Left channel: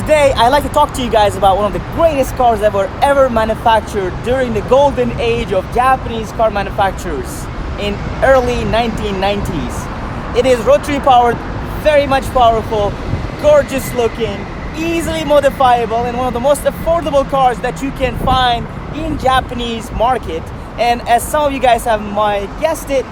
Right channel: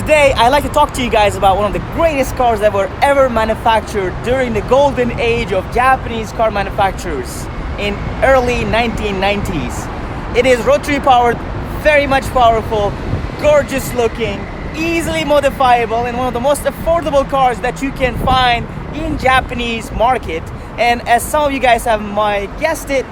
Today, I'd like to talk to you guys about one of the greatest cars that were ever manufactured during the golden age of Japanese car manufacturers in early 1990s. It is rotary powered, very much powerful, gorgeous looking, easily modifiable, and one of the most affordable cars that you can find in Japanese market. And as some of you guys have guessed it,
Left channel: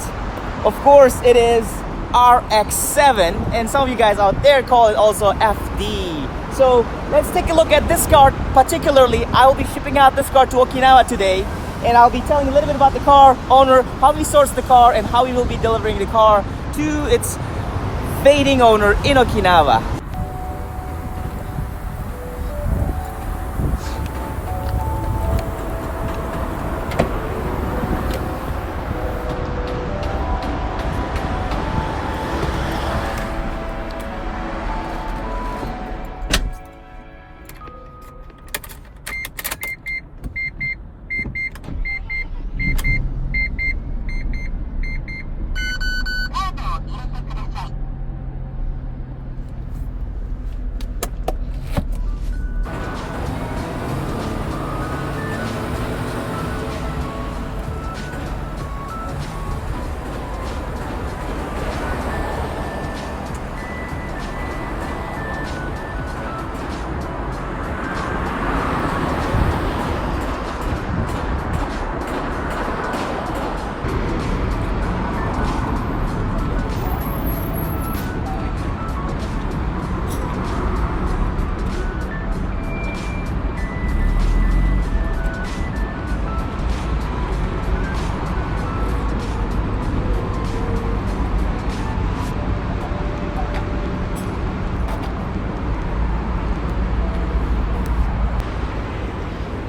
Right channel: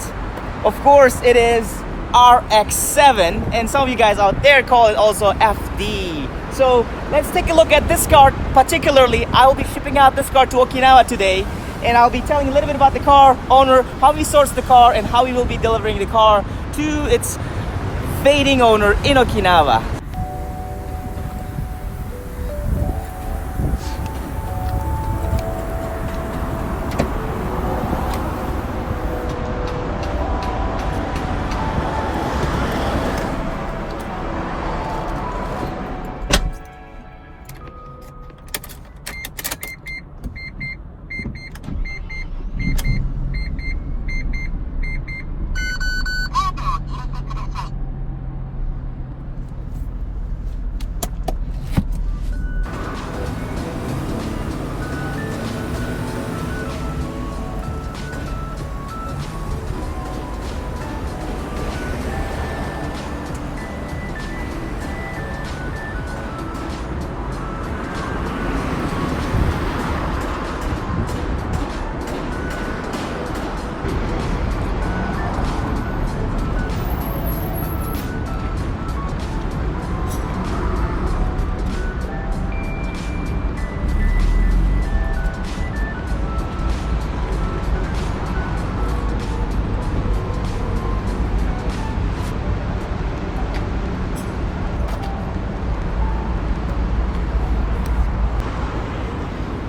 of course it is RX7, and some of you guys out there call it also FD. So let's take a look at this car. Particularly, I will be shipping out this car to Okinawa today, and I'll be telling a little bit about the car owner, how we sourced the car, and how we will be delivering the car to its fading owner in Okinawa.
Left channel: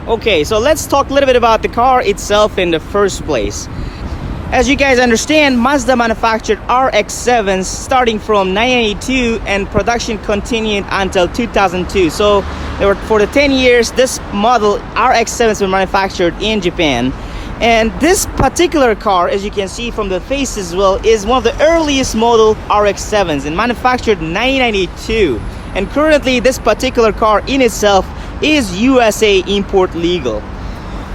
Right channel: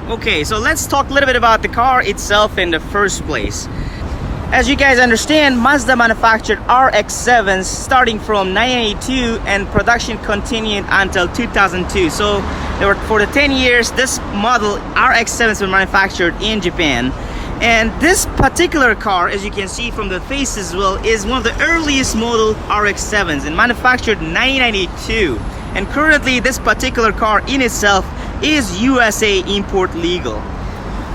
Okay, so let's talk a little bit about the car itself in the first place. As you guys understand, Mazda manufactured RX-7s starting from 1982, and production continued until 2002. So for the 10 years, this model RX-7s were manufactured in Japan. And this particular car, as you can see from the face as well, is one of the earliest model RX-7s and manufactured 1992. And currently, this particular car in itself is USA import legal.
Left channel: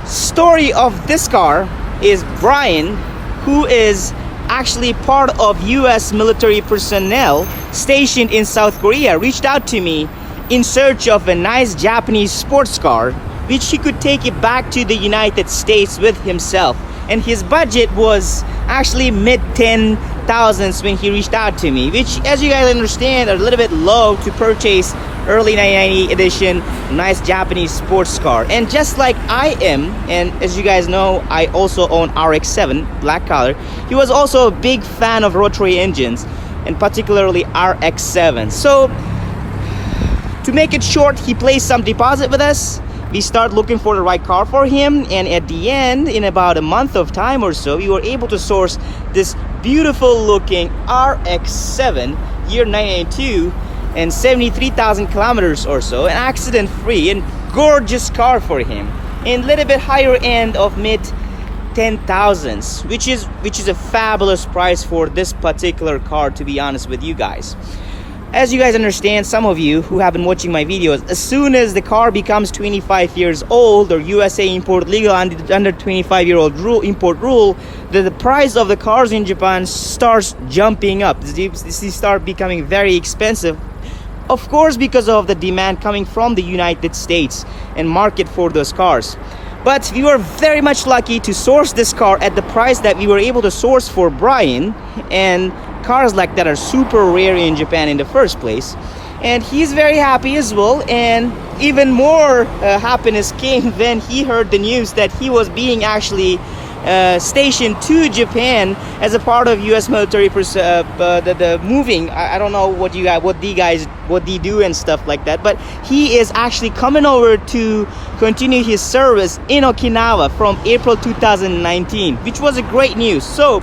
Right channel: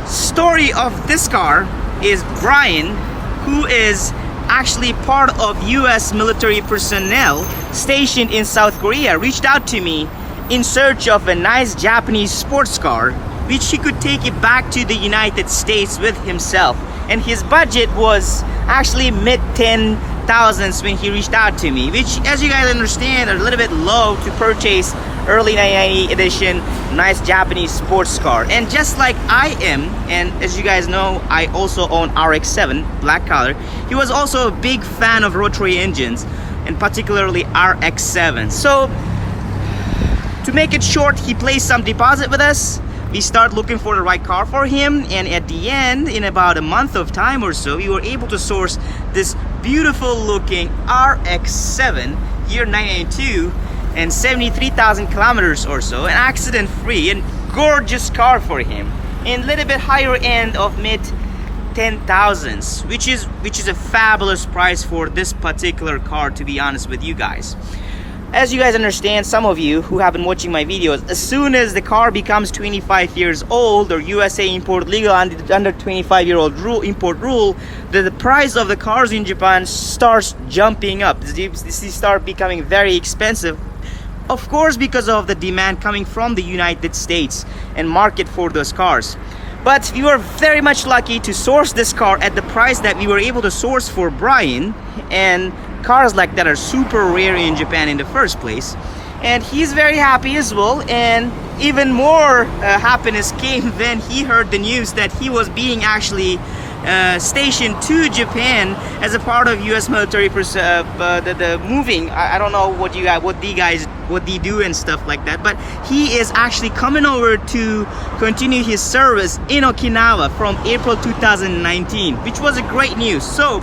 Story of this car is Bryan, who is actually part of US military personnel stationed in South Korea, reached out to me in search of a nice Japanese sports car which he could take it back to the United States with himself. And his budget was actually mid-10,000s when he reached out to me, which, as you guys understand, are a little bit low to purchase early 1990 edition nice Japanese sports car. And just like I am, and as you guys know, I also own RX-7 black color, he was also a big fan of rotary engines, and particularly RX-7. So to make it short, he placed some deposit with us. We start looking for the right car for him, and at the end, in about a month of time or so, we were able to source this beautiful looking RX-7 year 1982 and 73,000 kilometers or so, an accident free and gorgeous car for him, and a little bit higher end of mid 10,000s, which is a fabulous price for this particular car, to be honest with you guys. As you guys understand, some of you who have been watching my videos, as soon as the car becomes 25 years old or USA import legal under 25-year-old import rule, the price of the cars in Japan starts jumping up. They start becoming very expensive. Of course, because of the demand coming from the United States and market for those cars. But we were very much lucky to source this car at the price that we were able to source for Bryan, and cars like that are super rare in Japan in the first place. And he's very happy as well, and even more happiness came when he heard the news that he was being actually stationed to Japan as a part of U.S. military the moving. I don't know what they do and stuff like that, but he is actually coming over to continue his service in Okinawa from April 2019, which was a great news. So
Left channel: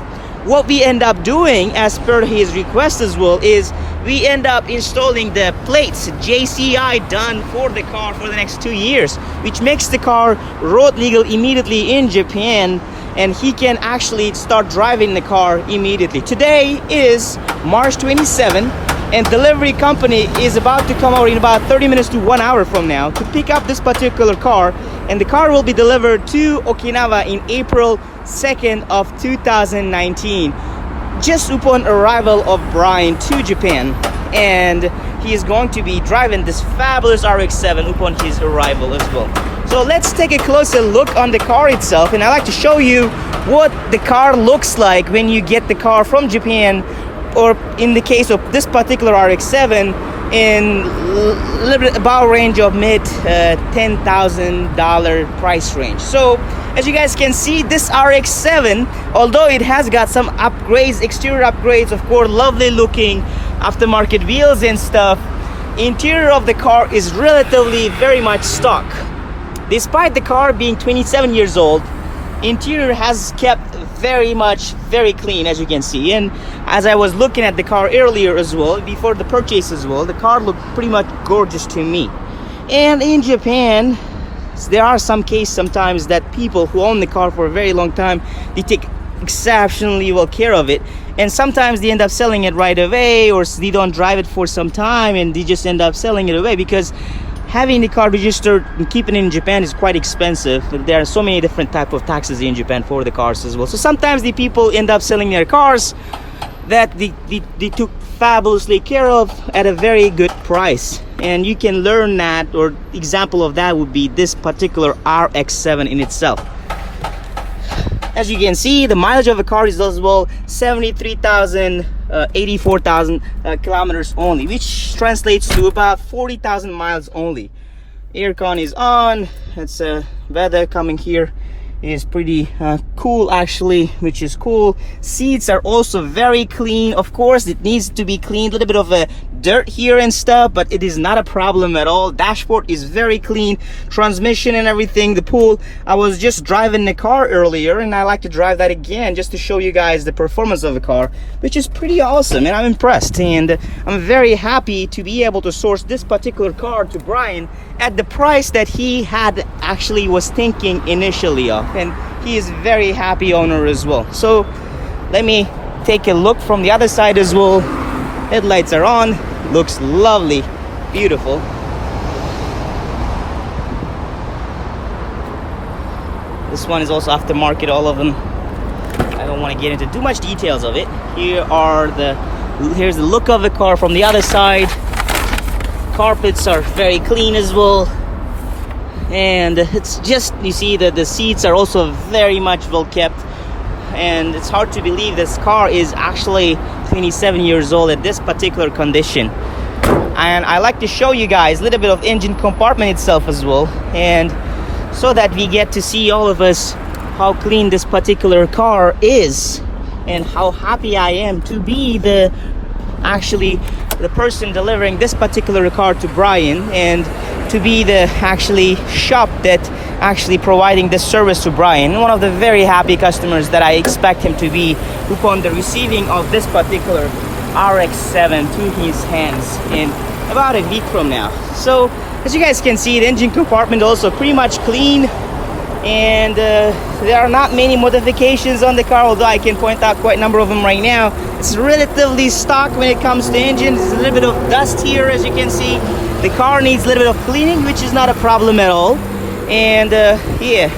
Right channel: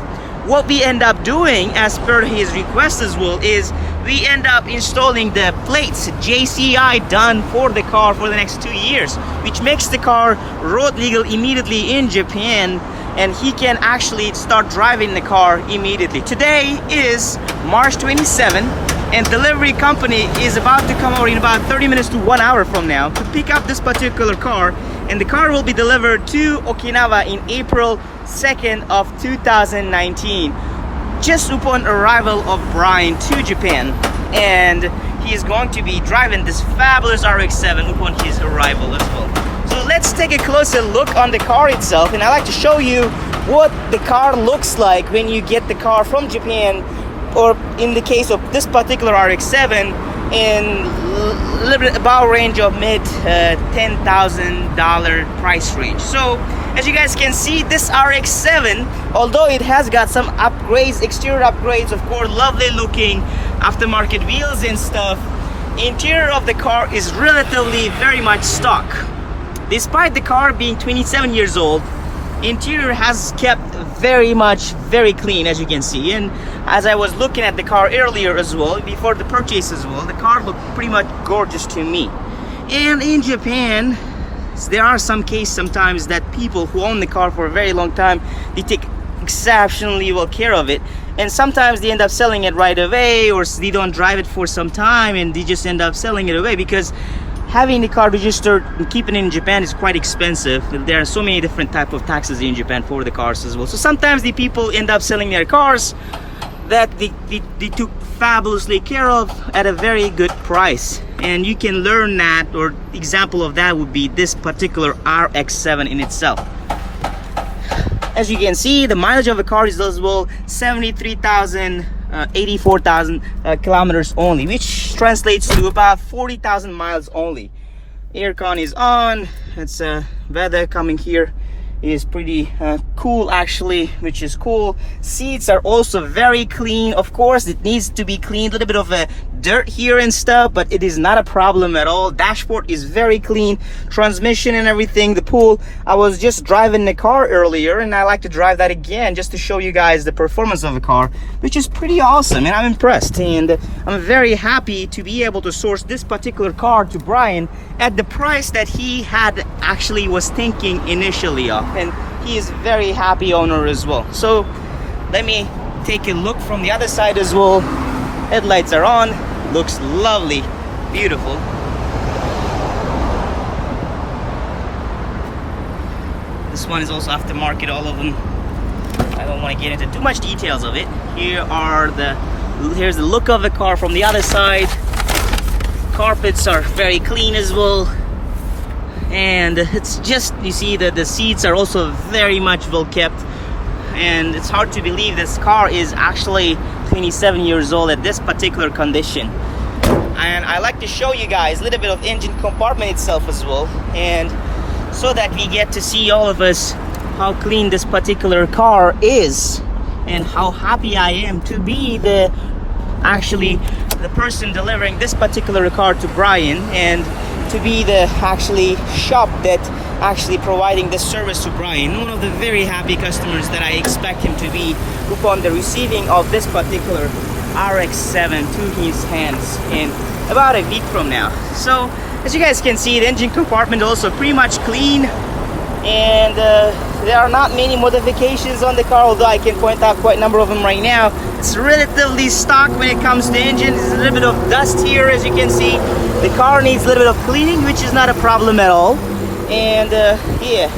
what we end up doing, as per his request as well, is we end up installing the plates JCI done for the car for the next 2 years, which makes the car road legal immediately in Japan, and he can actually start driving the car immediately. Today is March 27, and delivery company is about to come over in about 30 minutes to 1 hour from now to pick up this particular car, and the car will be delivered to Okinawa in April 2nd of 2019, just upon arrival of Bryan to Japan. And he is going to be driving this fabulous RX7 upon his arrival as well. So let's take a closer look on the car itself, and I'd like to show you what the car looks like when you get the car from Japan, or in the case of this particular RX7, in a little bit about range of mid $10,000 price range. So as you guys can see, this RX7, although it has got some upgrades, exterior upgrades, of course, lovely looking aftermarket wheels and stuff, interior of the car is relatively very much stock. Despite the car being 27 years old, interior has kept very clean, as you can see. And as I was looking at the car earlier as well, before the purchase as well, the car looked pretty much gorgeous to me. And in Japan, there are some cases sometimes that people who own the car for a very long time, they take exceptionally well care of it, and sometimes they end up selling it right away, or they don't drive it for some time and they just end up selling it away, because having the car registered and keeping it in Japan is quite expensive. There are so many different type of taxes in Japan for the cars as well. So sometimes the people end up selling their cars that they took fabulously care of at a very good price. And you can learn that, or example of that would be this particular RX7 in itself. As you can see, the mileage of the car is as well 84,000 kilometers only, which translates to about 40,000 miles only. Aircon is on. It's weather coming here is pretty cool actually, which is cool. Seats are also very clean. Of course, it needs to be cleaned, a little bit of a dirt here and stuff, but it is not a problem at all. Dashboard is very clean, transmission and everything. The pool, I was just driving the car earlier, and I like to drive that again just to show you guys the performance of the car, which is pretty awesome, and I'm impressed. And I'm very happy to be able to source this particular car to Bryan at the price that he had actually was thinking initially of, and he is a very happy owner as well. So let me take a look from the other side as well. Headlights are on, looks lovely, beautiful. This one is also aftermarket, all of them. I don't want to get into too much details of it. Here's the look of the car from the other side. Carpets are very clean as well, and it's just, you see that the seats are also very much well kept, and it's hard to believe this car is actually 27 years old at this particular condition. And I like to show you guys a little bit of engine compartment itself as well, and so that we get to see all of us how clean this particular car is, and how happy I am to be the person delivering this particular car to Bryan, and to be the shop that actually providing this service to Bryan. One of the very happy customers that I expect him to be upon the receiving of this particular RX7 to his hands in about a week from now. So as you guys can see, the engine compartment also pretty much clean, and there are not many modifications on the car, although I can point out quite a number of them right now. It's relatively stock when it comes to engine. There's a little bit of dust here, as you can see. The car needs a little bit of cleaning, which is not a problem at all. And yeah,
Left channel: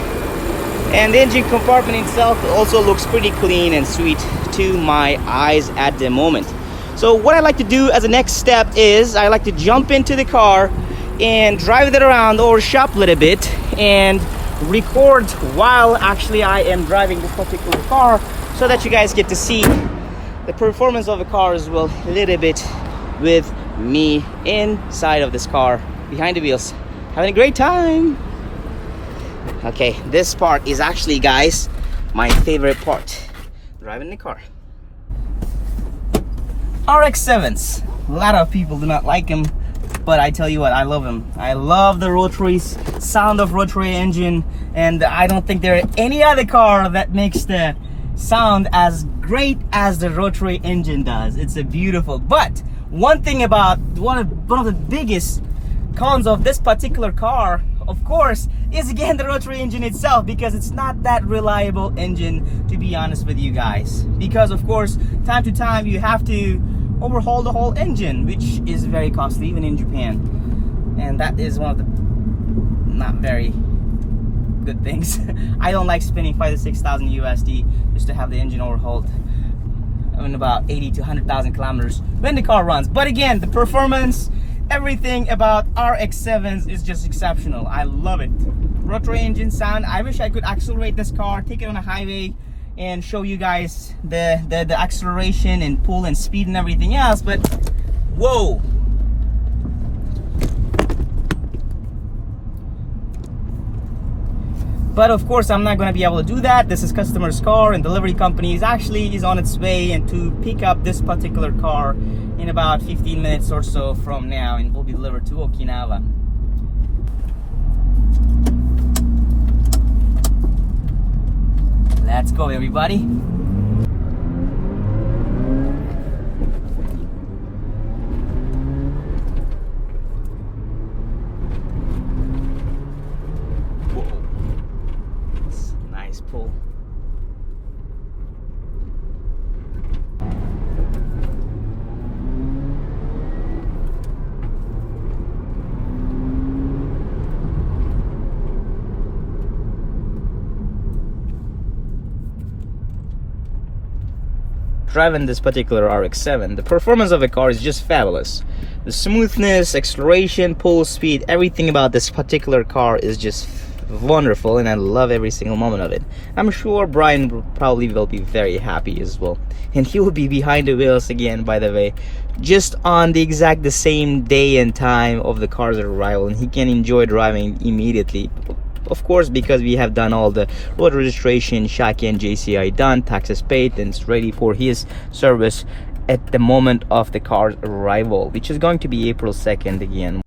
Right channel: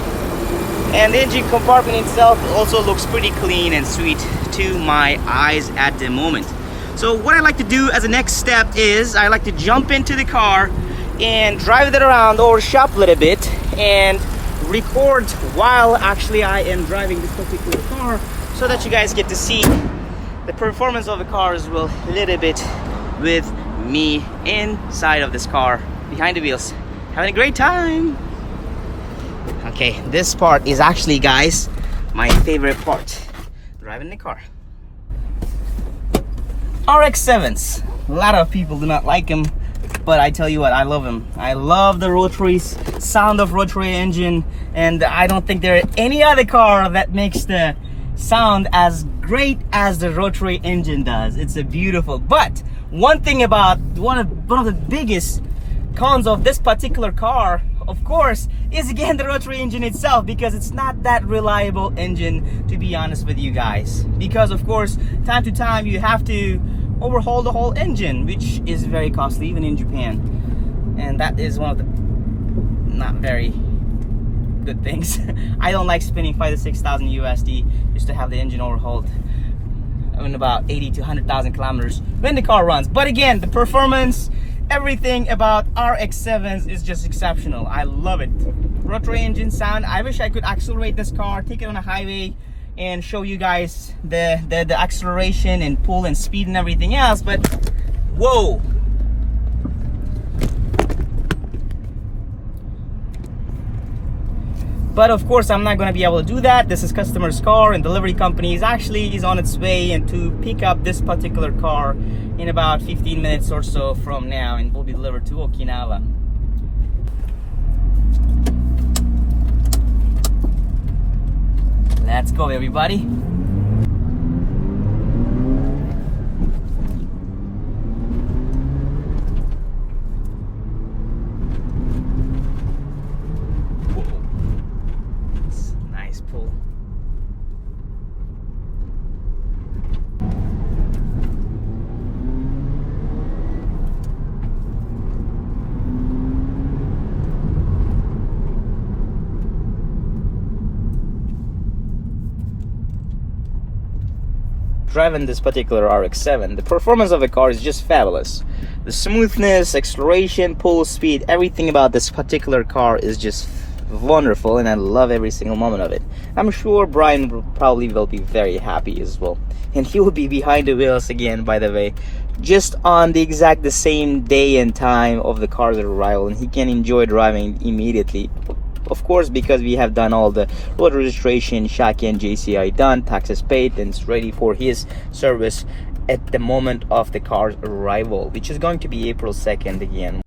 and the engine compartment itself also looks pretty clean and sweet to my eyes at the moment. So what I like to do as a next step is I like to jump into the car and drive it around or shop a little bit and record while actually I am driving this particular car, so that you guys get to see the performance of the car as well a little bit with me inside of this car behind the wheels, having a great time. Okay, this part is actually, guys, my favorite part, driving the car. RX7s, a lot of people do not like them, but I tell you what, I love them. I love the rotary sound of rotary engine, and I don't think there are any other car that makes the sound as great as the rotary engine does. It's a beautiful. But one thing about one of the biggest cons of this particular car, of course, is again the rotary engine itself, because it's not that reliable engine, to be honest with you guys. Because of course, time to time you have to overhaul the whole engine, which is very costly even in Japan, and that is one of the not very good things. I don't like spending 5,000 to 6,000 USD just to have the engine overhauled in about 80 to 100,000 kilometers when the car runs. But again, the performance, everything about RX7s is just exceptional. I love it. Rotary engine sound. I wish I could accelerate this car, take it on a highway and show you guys the acceleration and pull and speed and everything else, but whoa. But of course, I'm not going to be able to do that. This is customer's car, and delivery company is on its way and to pick up this particular car in about 15 minutes or so from now, and will be delivered to Okinawa. Let's go, everybody. Pull. Driving this particular RX7, the performance of the car is just fabulous. The smoothness, acceleration, pull speed, everything about this particular car is just wonderful, and I love every single moment of it. I'm sure Bryan probably will be very happy as well, and he will be behind the wheels again, by the way, just on the same day and time of the car's arrival, and he can enjoy driving immediately, of course, because we have done all the road registration, Shaki and JCI done, taxes paid, and it's ready for his service at the moment of the car's arrival, which is going to be April 2nd again.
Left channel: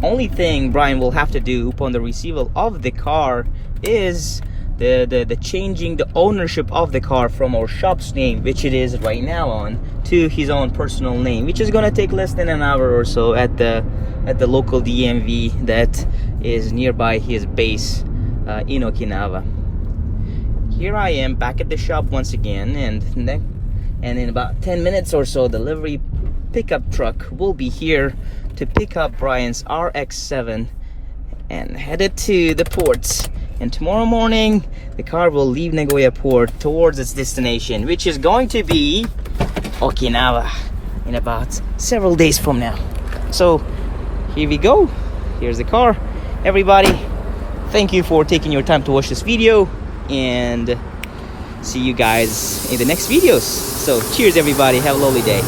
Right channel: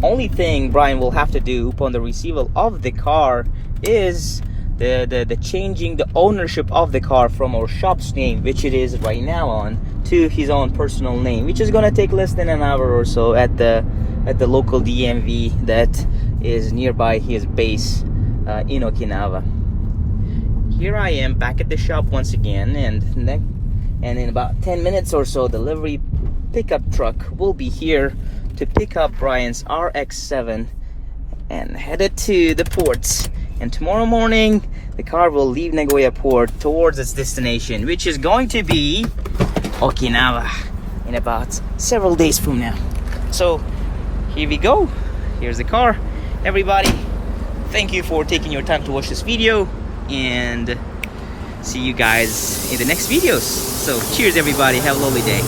Only thing Bryan will have to do upon the receival of the car is the changing the ownership of the car from our shop's name, which it is right now on, to his own personal name, which is gonna take less than an hour or so at the local DMV that is nearby his base in Okinawa. Here I am back at the shop once again, and in about 10 minutes or so, delivery pickup truck will be here to pick up Bryan's RX7 and headed to the ports. And tomorrow morning, the car will leave Nagoya port towards its destination, which is going to be Okinawa in about several days from now. So here we go. Here's the car. Everybody, thank you for taking your time to watch this video, and see you guys in the next videos. So cheers, everybody. Have a lovely day.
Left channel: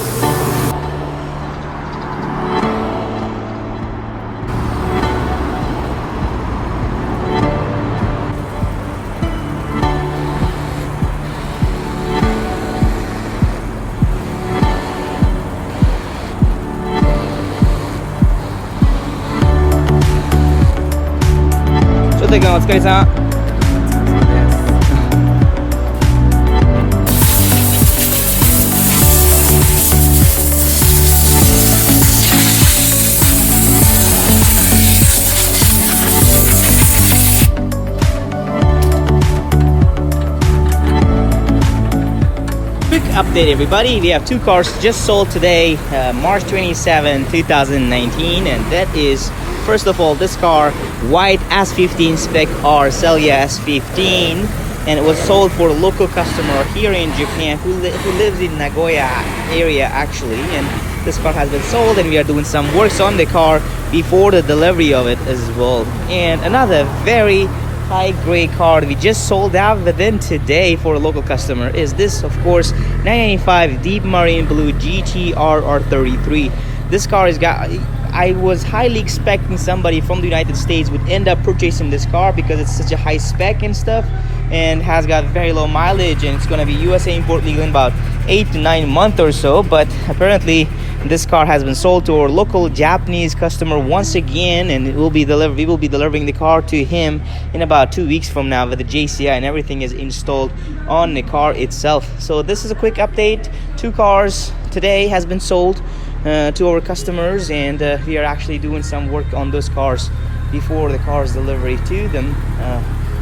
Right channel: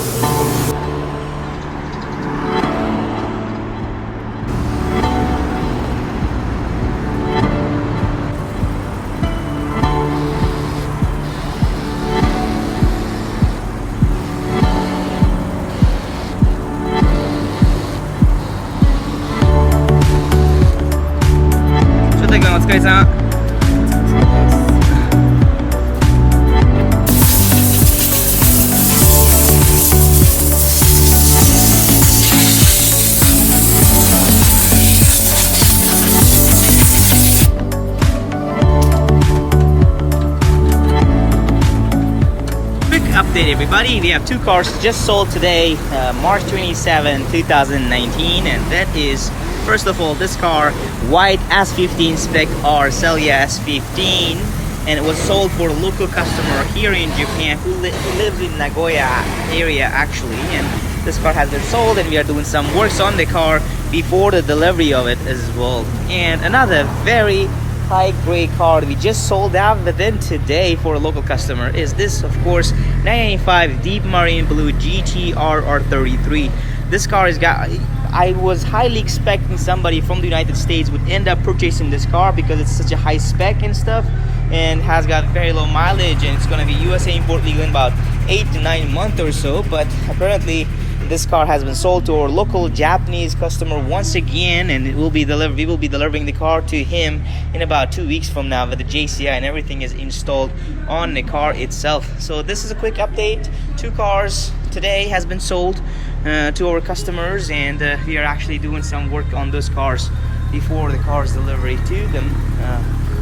Update, everybody. We have two cars just sold today, March 27, 2019, and that is, first of all, this car, white S15 spec R Celia S15, and it was sold for a local customer here in Japan who lives in Nagoya area actually, and this car has been sold, and we are doing some works on the car before the delivery of it as well. And another very high grade car we just sold out within today for a local customer is this, of course, 995 Deep Marine Blue GT R33. This car has got, I was highly expecting somebody from the United States would end up purchasing this car because it's such a high spec and stuff, and has got very low mileage, and it's going to be USA import legal in about 8 to 9 months or so. But apparently this car has been sold to our local Japanese customer once again, and it will be delivered. We will be delivering the car to him in about 2 weeks from now, with the JCI and everything is installed on the car itself. So this is a quick update. Two cars today has been sold to our customers, and we are actually doing some work on those cars before the car's delivery to them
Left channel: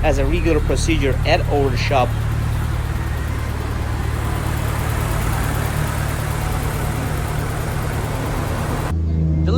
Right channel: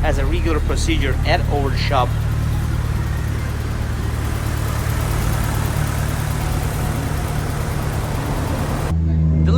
as a regular procedure at our shop.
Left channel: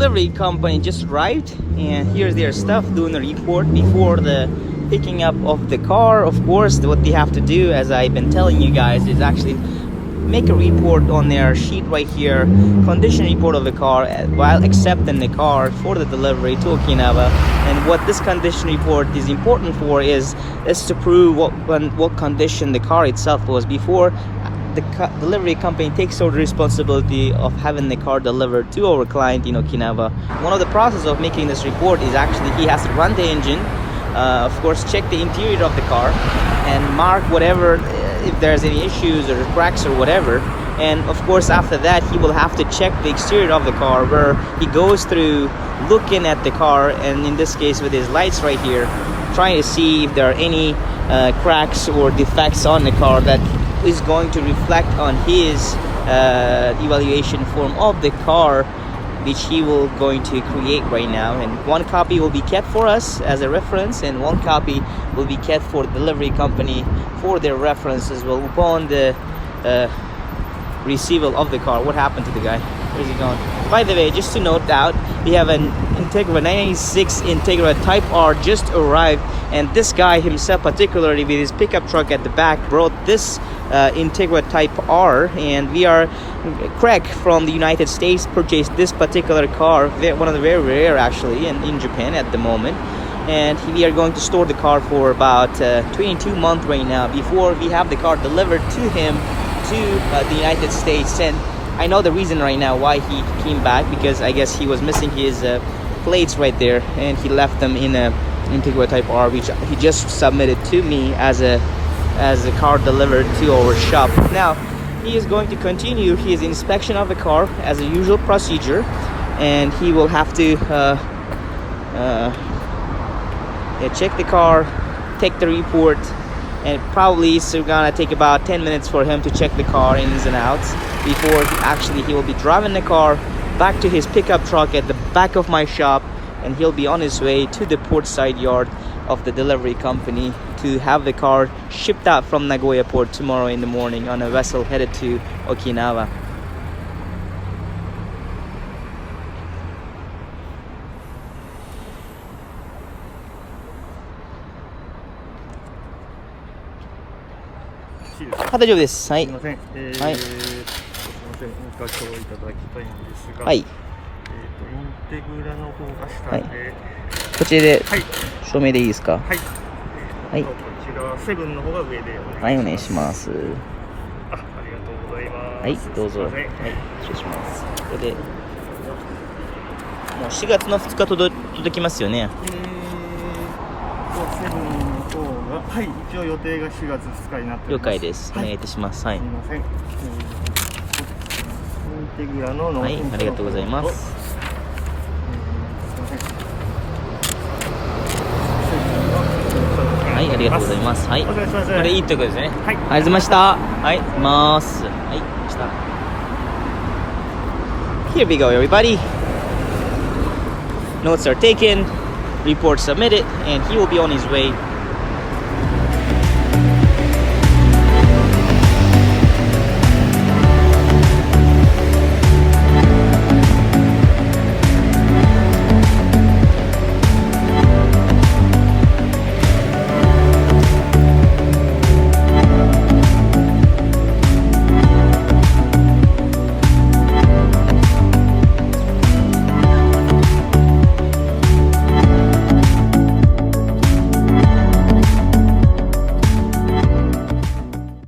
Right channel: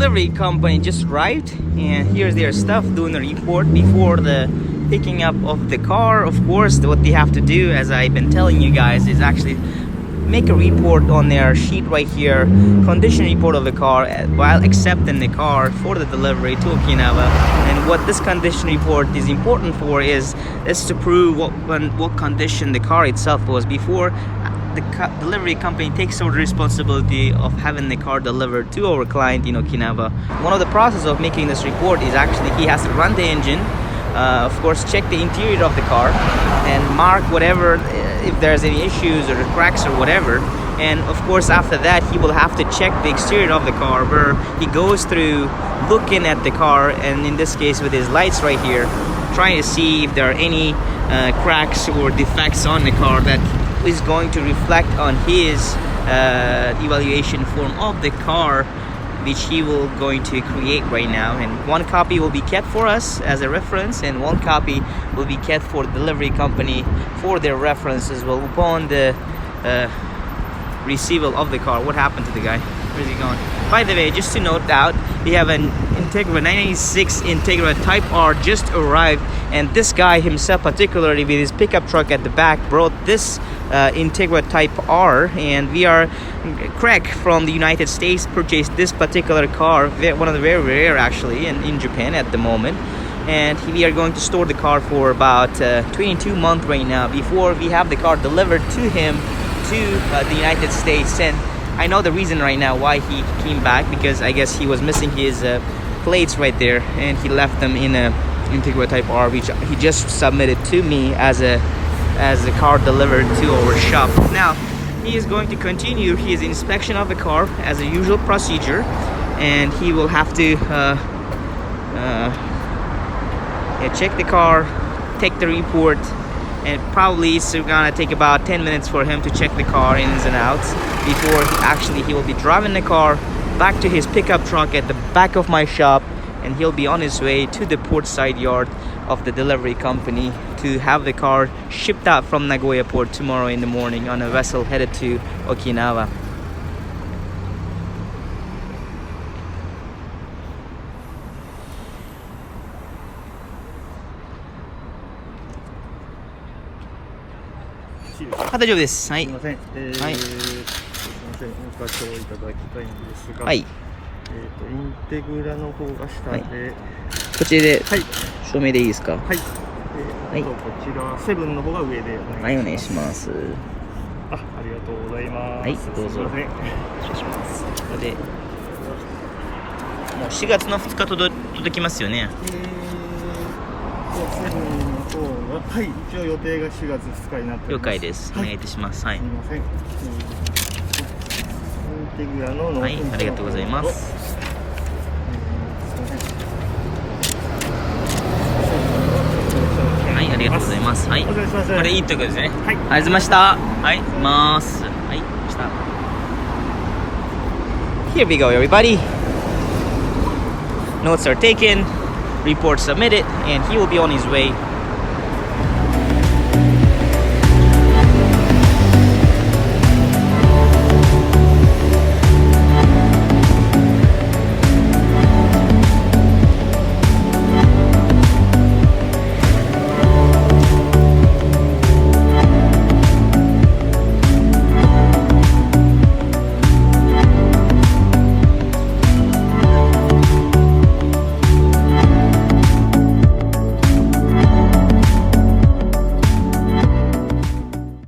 delivery company just arrived, and here's their stuff doing the report before the picking up of the car. Of course, what they have to do, as I've been telling you guys, is actually make a report on their sheet right here, condition report of the car while accepting the car for the delivery to Okinawa. And what this condition report is important for is to prove what condition the car itself was before the delivery company takes over the responsibility of having the car delivered to our client in Okinawa. One of the process of making this report is actually he has to run the engine, of course check the interior of the car and mark whatever, if there's any issues or cracks or whatever. And of course after that he will have to check the exterior of the car, where he goes through looking at the car, and in this case with his lights right here, trying to see if there are any cracks or defects on the car that is going to reflect on his evaluation form of the car, which he will going to create right now. And one copy will be kept for us as a reference, and one copy will be kept for the delivery company for their reference as well upon the receival of the car. What happened to the guy? Where's he going? By the way, just to note out, we have an Integra 996 Integra Type R just arrived, and this guy himself, particularly with his pickup truck at the back, brought this Integra Type R, and we are Craig from the United States purchased this particular car, one of the very rare actually in Japan at the moment, and we are going to store the car for about 22 months right now before we have the car delivered to him to the United States. And I know the reason right now why he came back, because I guess he was missing his plates right there, and he left them in a Integra Type R, which he just submitted to me as a car delivered to our shop. Now he is going to continue his inspection of the car as a usual procedure, and he will have to check the car, take the report, and probably it's gonna take about 10 minutes for him to check the car ins and outs before he will be driving the car back to his pickup truck at the back of my shop, and he'll be on his way to the port side yard of the delivery company to have the car shipped out from Nagoya port tomorrow in the morning on a vessel headed to Okinawa. Ah, 大丈夫です。はい。すみません。はい。すみません。ご課長いただきたいんですが、はい。インテグラの方が下で、こちらではい。署名でいいですか？はい。はいこっち側セブンの方が上で。はい、お願いします。ありがとうございます。はい、どうぞ。はい、失礼します。これで、もう4月の2日届きますよね。セブンの方が、はい、一応予定が4月2日になっております。了解です。お願いいたします。はい。すみません。インテグラの納はい、品ありがとうございます。すみません。はい、ありがとうございます。はい。お願いします。これいいとこですね。はい。ありがとうございました。はい、行きます。はい、来た。Here we go, everybody. Notes are taken, report submitted, and he will be on his way